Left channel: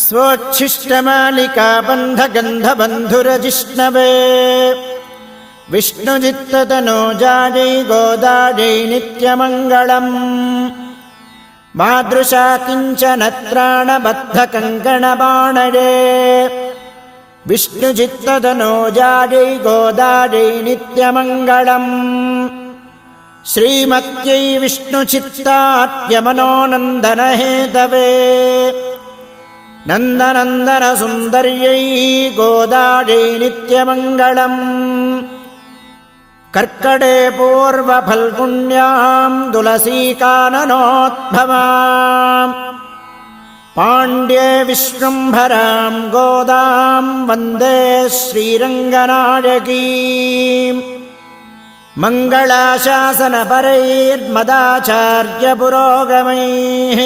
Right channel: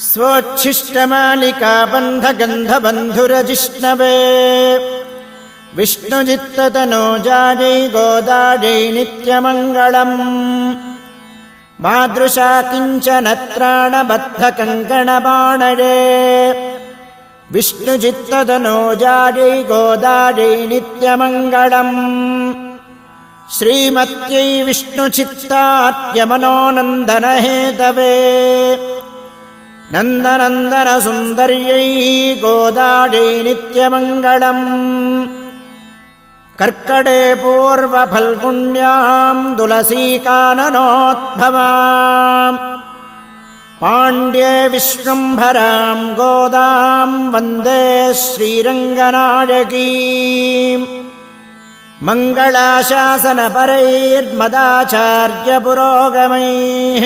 स्वोच्छिष्टमालिका बन्धगन्धबन्धुरजिष्णवे विष्णुचित्ततनोजायै गोदायै नित्यमङ्गलम् मादृशा किञ्चन त्राणबद्धकङ्कणपाणये विष्णुचित्ततनोजायै गोदायै नित्यमङ्गलम् श्रीमत्यै विष्णुचित्तात्यमनोनन्दनहेतवे नन्दनन्दनसुन्दर्यै गोदायै नित्यमङ्गलम् कर्कटे पूर्वफल्गुण्यां तुलसीकाननोद्भवाम् पाण्ड्ये विश्वम्भरां गोदां वन्दे श्रीरङ्गनायकीम् मङ्गलाशासनपरैर्मदाचार्यपुरोगमैः